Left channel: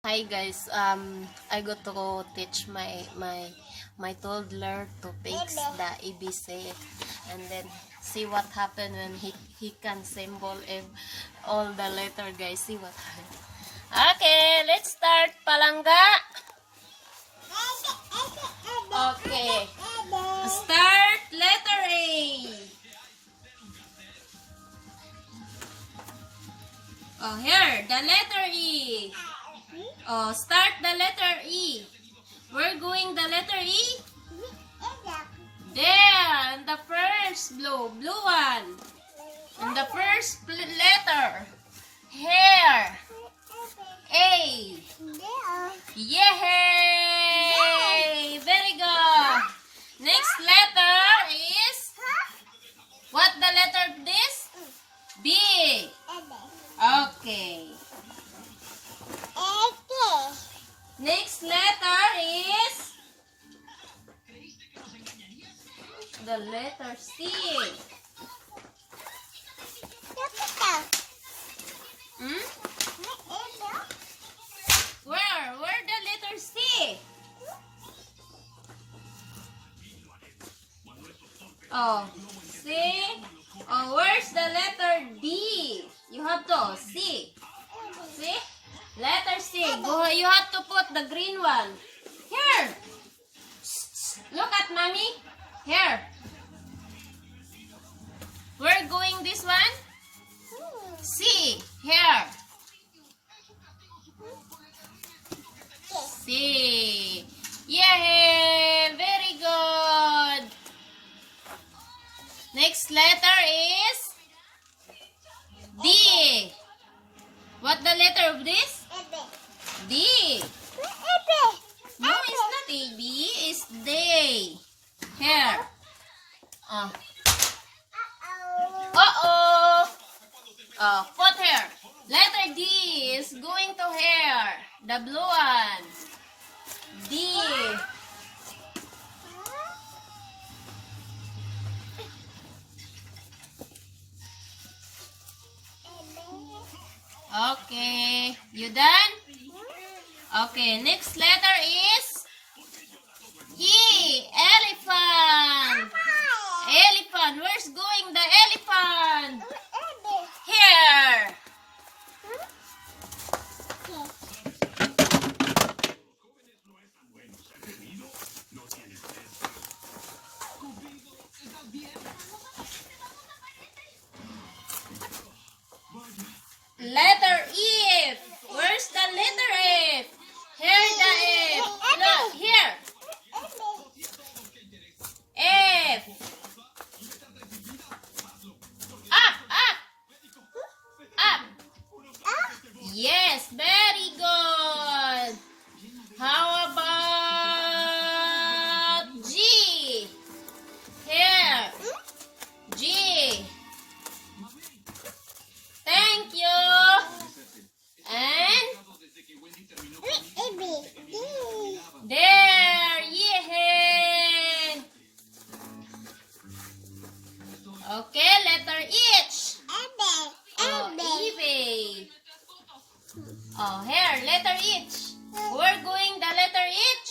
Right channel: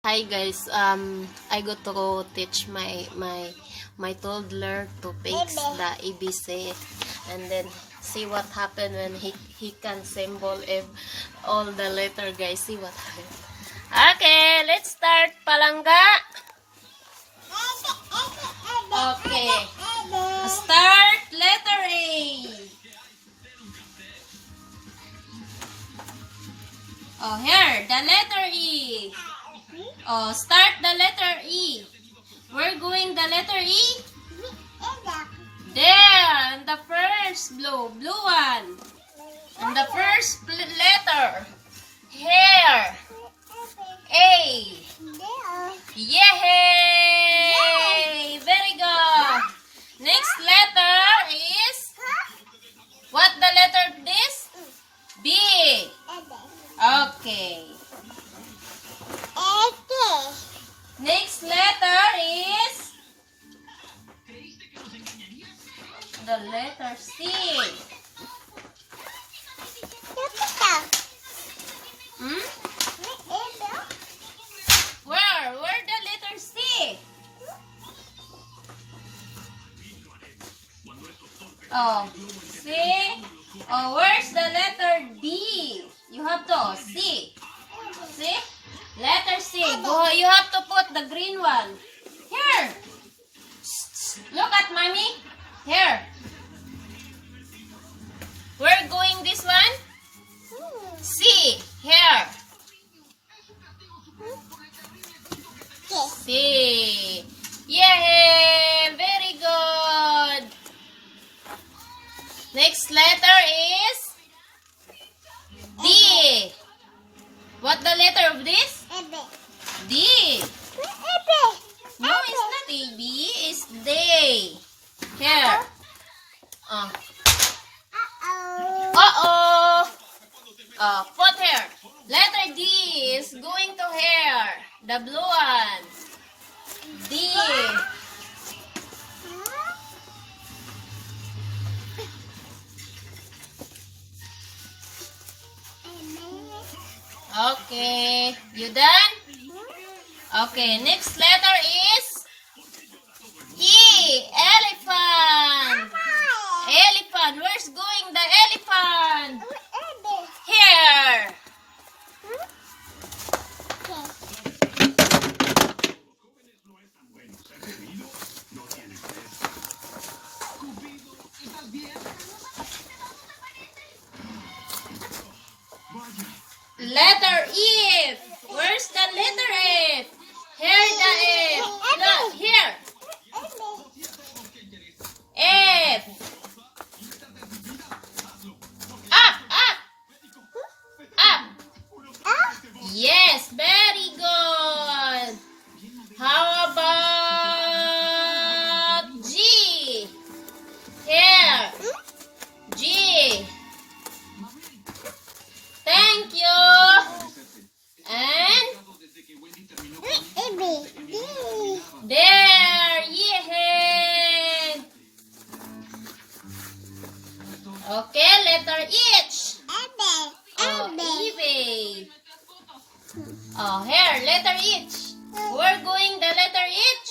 Hi guys, I got to teach my toddler to fix the ABC and then see what happened when he can symbol all the letter, guys. See what happened. Okay, let's start, palangga. Okay, start letter A. Oh, here, the letter E. Oh, start the letter E. We're going the letter E. There, and the first blue one. And the first letter. Here. A. Yay! Very good. Next letter is, what the letter this? B. Okay. Next letter is the letter C. Hmm? Where the letter C? Oh, C. Oh, where's the letter D? You have to C. See? Letter C. Go. You have to put the green one. Here. Look at mommy. Here. We're going this one. C. Here. C. Yay! Very good. Next letter is D. What the letter of this? D. No, it's not A, B. It's D. Here. Uh-oh. Put here. Letter D is going to here. The blue one. D. Okay. You done? Okay. Next letter is E. Elephant. Elephant. Where's going the elephant? Here. Letter F. Where's the letter F? Here the F. Look, here. F. Up, up. Up. Yes, very good. How about G? Here. G. Thank you. And there, yeah. Okay, letter H. Oh, eBay. Oh, here, letter H. We're going the letter H.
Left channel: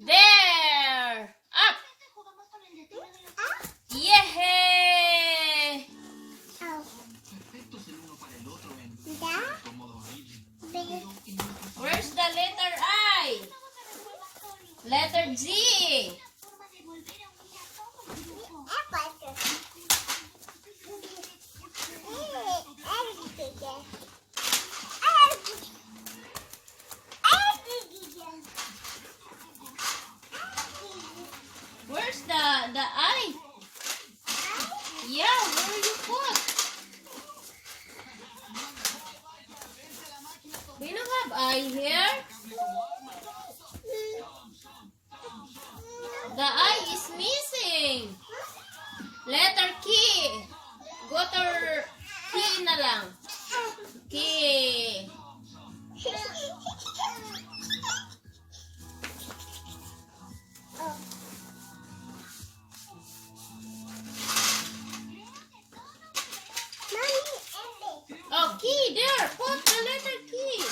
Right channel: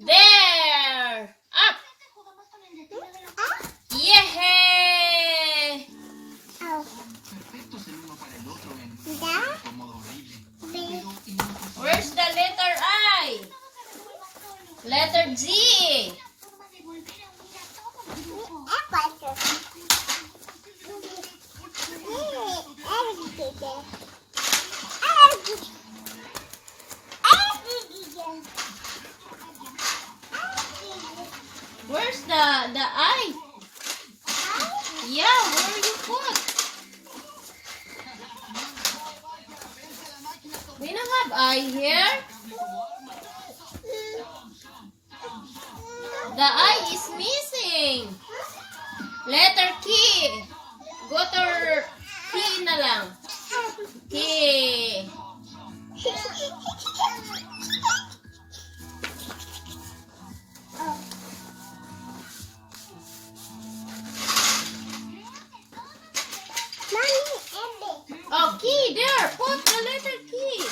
There. Up. Yeah. Where's the letter I? Letter G. Where's the I? Yeah, where you put? We don't have I here. The I is missing. Letter K. Go to K na lang. K. Oh, key there. Put the letter key.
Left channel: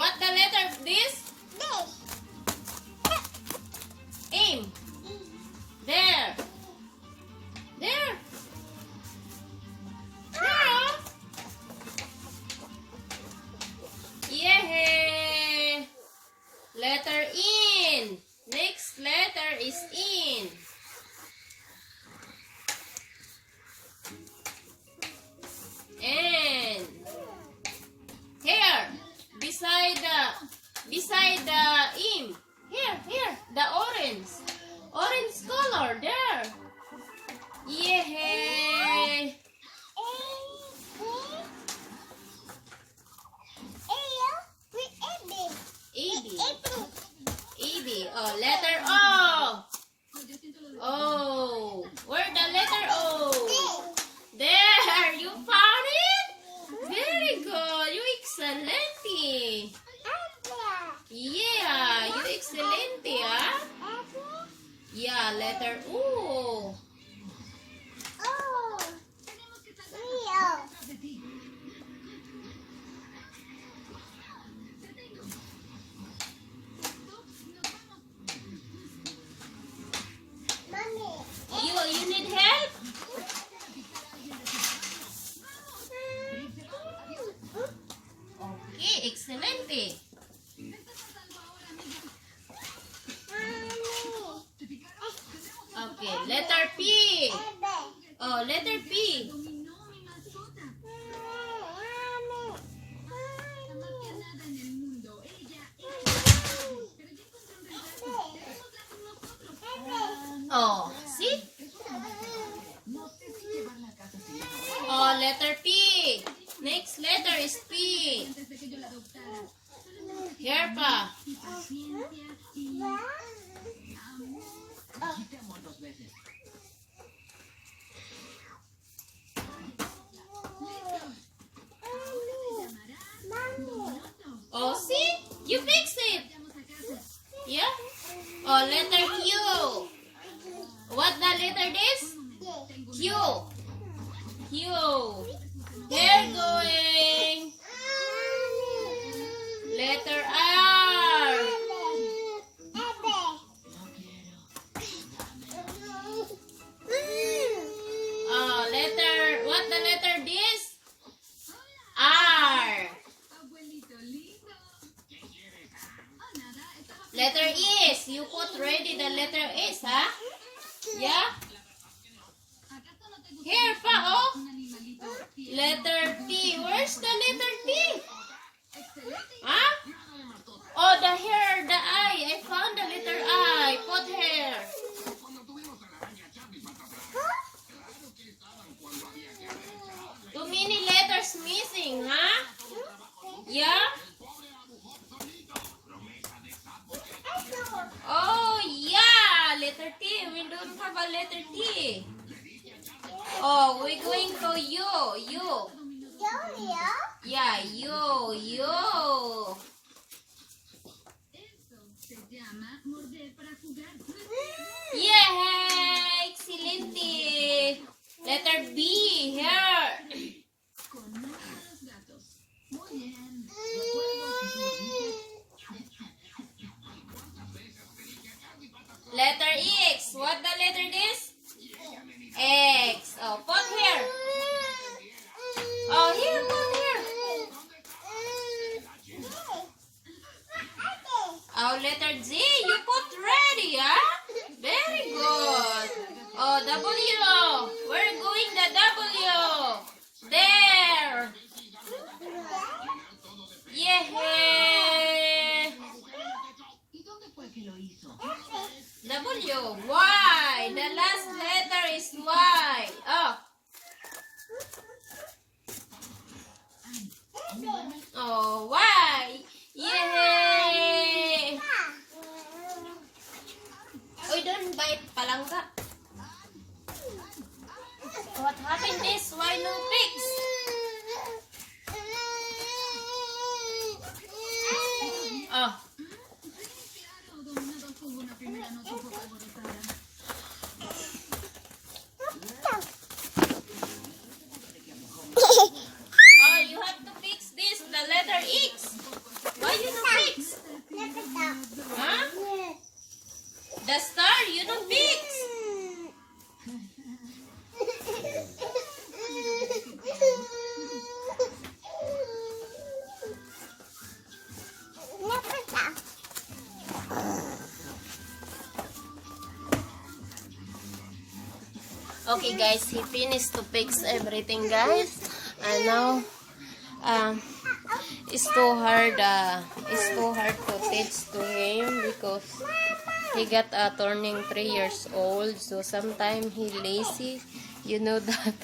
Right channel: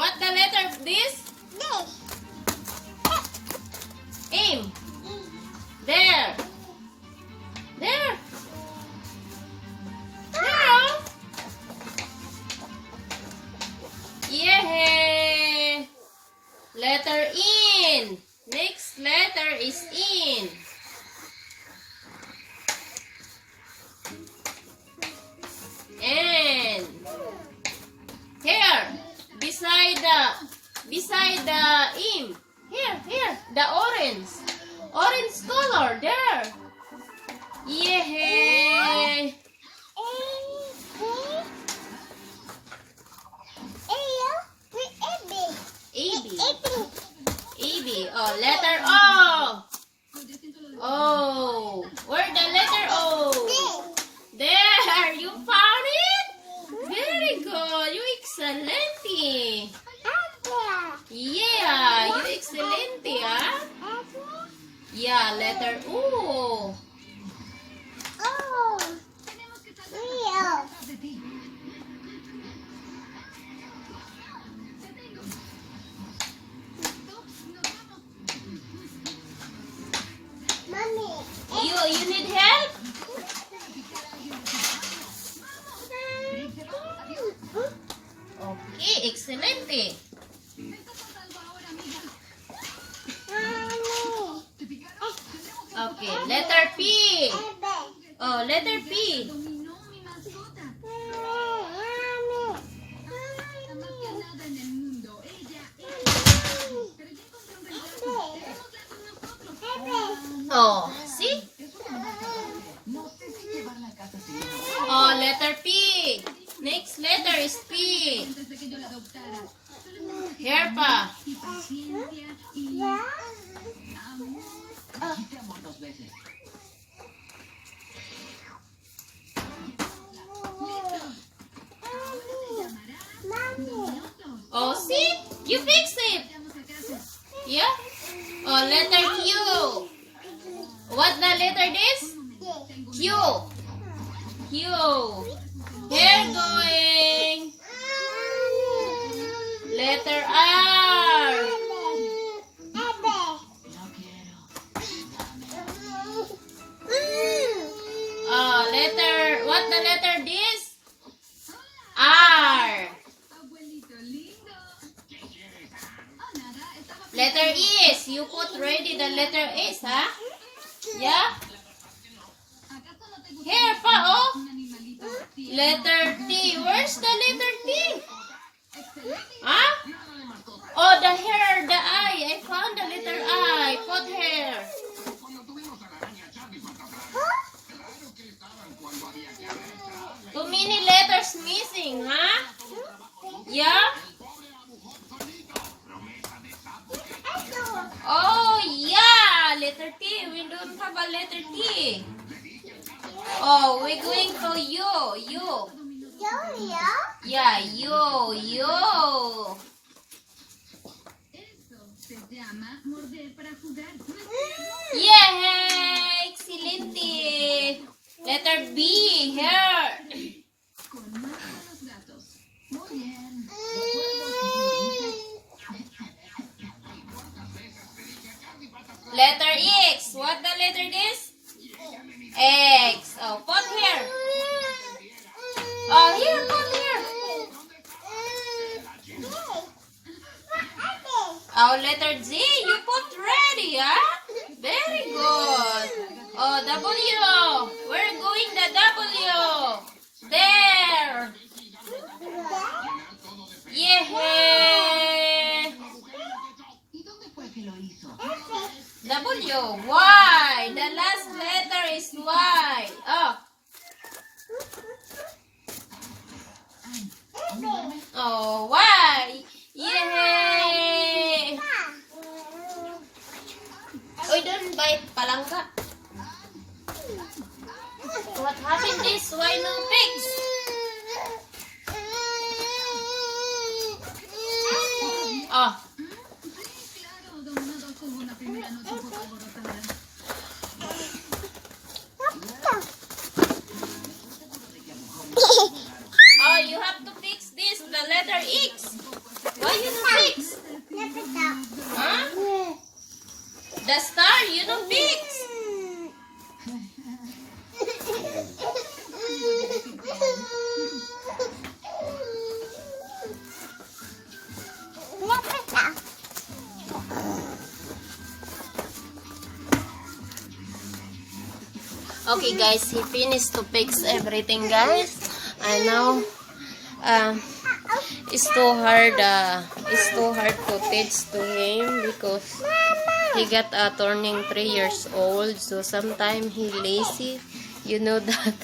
What the letter of this? Aim. There. There. There. Yeah. Letter in. Next letter is in. And here, beside the in. Here, the orange color there. Yeah. A B. Oh, letter O. Oh, where the letter O? There, you found it. Very good. You excelente. Yeah, you excelente, ah. Yeah, letter U. You need help? Okay, excelente. Okay, letter P. Oh, letter P. Oh, see? Oh, letter P. Next letter is P. Here pa. Oh, see? You fix it. Yeah? Oh, letter Q. What the letter is? Q. Q. Hair going. Letter R. Letter, what the letter this? R. Letter is. You put ready the letter is, huh? Yeah? Here pa, oh. Letter T. Where's the letter T? Huh? Oh, the hair, the eye. I found the letter I. Put hair. Too many letters missing, huh? Yeah? Oh, yeah. Letter T. We don't have a letter T. Oh, we're going to U. Yeah, U. Yeah, excelente. Letter B, here. Letter X. What the letter is? X. Oh, put here. Oh, here, put here. Oh, letter Z. You put ready, huh? Very good. Oh, W. We're going the W. There. Yeah. W. Y. The last letter is Y. Oh. Oh, Y. Yay! Uy, don't bite palangga. What happened this? Why no pigs? Oh. Oh, you have to fix this, the letter X. Okay guys, he finished to fix everything guys. And now it's too hard to teach to him because he got turning 3 years old, so sometimes he lazy. You know that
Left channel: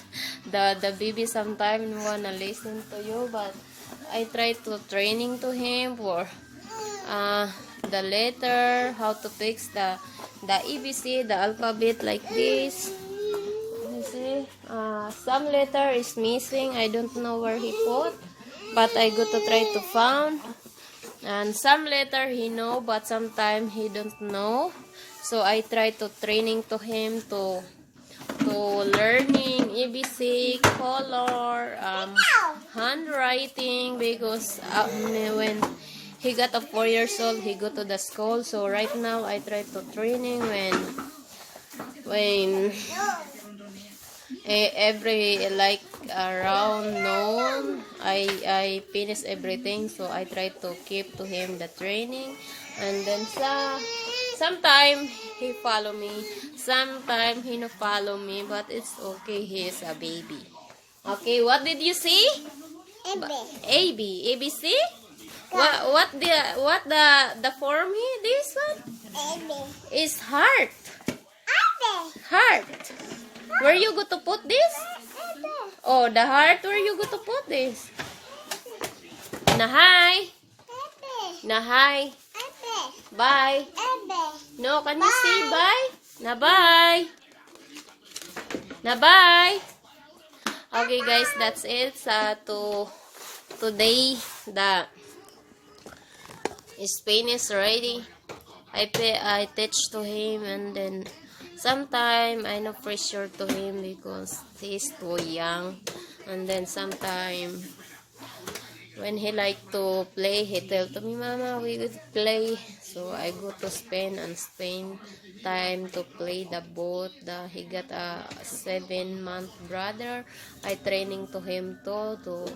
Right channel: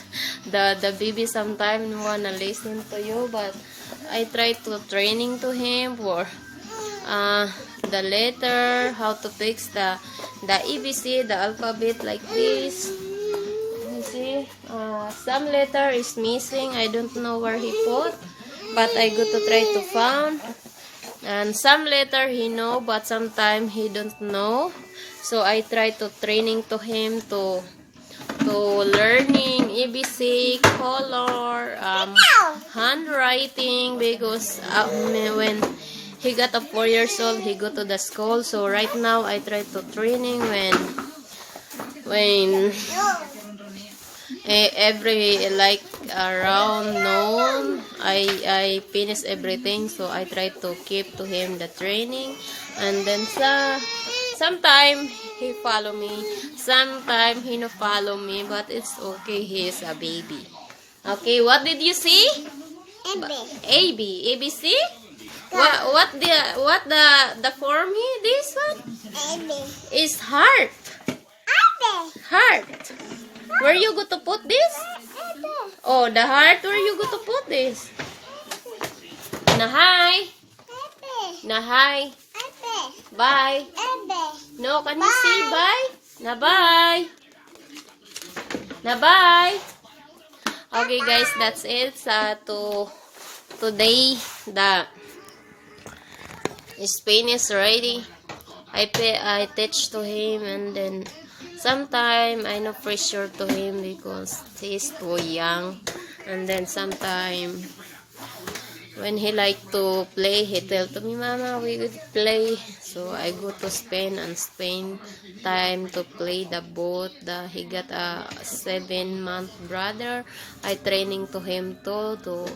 the baby sometimes wanna listen to you, but I try to training to him for the letter, how to fix the ABC, the alphabet like this. You see, some letter is missing. I don't know where he put, but I go to try to find. And some letter he know, but sometimes he don't know. So I try to training to him to learning ABC, color, handwriting, because when he got a 4 years old, he go to the school. So right now I try to training when every like around noon I finish everything, so I try to keep to him the training. And then sometime he follow me, sometime he no follow me, but it's okay, he is a baby. Okay, what did you see? ABC. What the for me, this one is heart. Where you go to put this? Oh, the heart. Where you go to put this? Nahay. Nahay. Bye. No, can you say bye? Na bye. Na bye. Okay guys, that's it. Today the Spain is ready. I teach to him, and then sometime I no pressure to him because he's too young. And then sometime when he like to play, he tell to me, Mama, we would play. So I go to Spain and spend time to play the boat. He got a 7-month brother. I training to him too to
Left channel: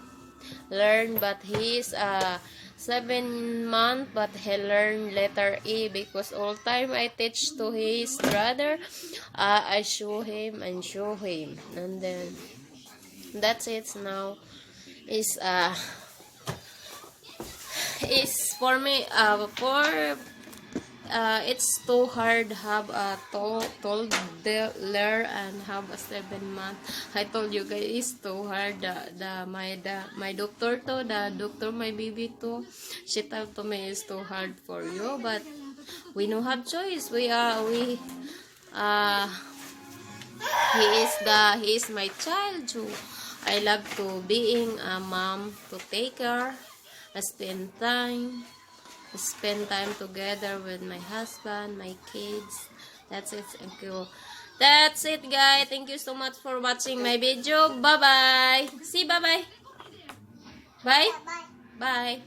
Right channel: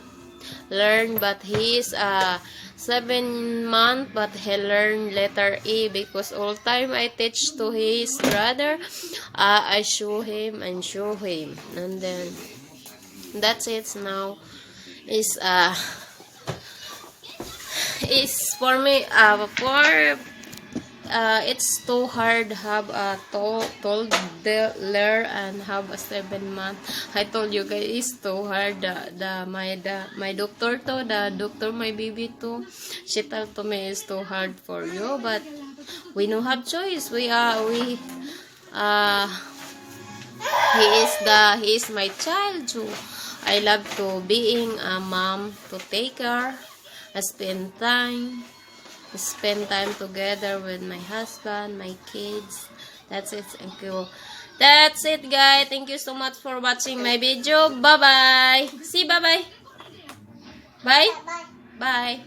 learn, but he's 7 month, but he learned letter E because all time I teach to his brother, I show him, and then that's it. Now is for me it's too hard have a toddler and have a 7 month. I told you guys it's too hard. My doctor to the doctor my baby too, she told to me it's too hard for you, but we no have choice. He is my child, so I love to being a mom, to take her, spend time together with my husband, my kids. That's it. Thank you. That's it, guys. Thank you so much for watching my video. Bye bye. See, bye bye. Bye bye.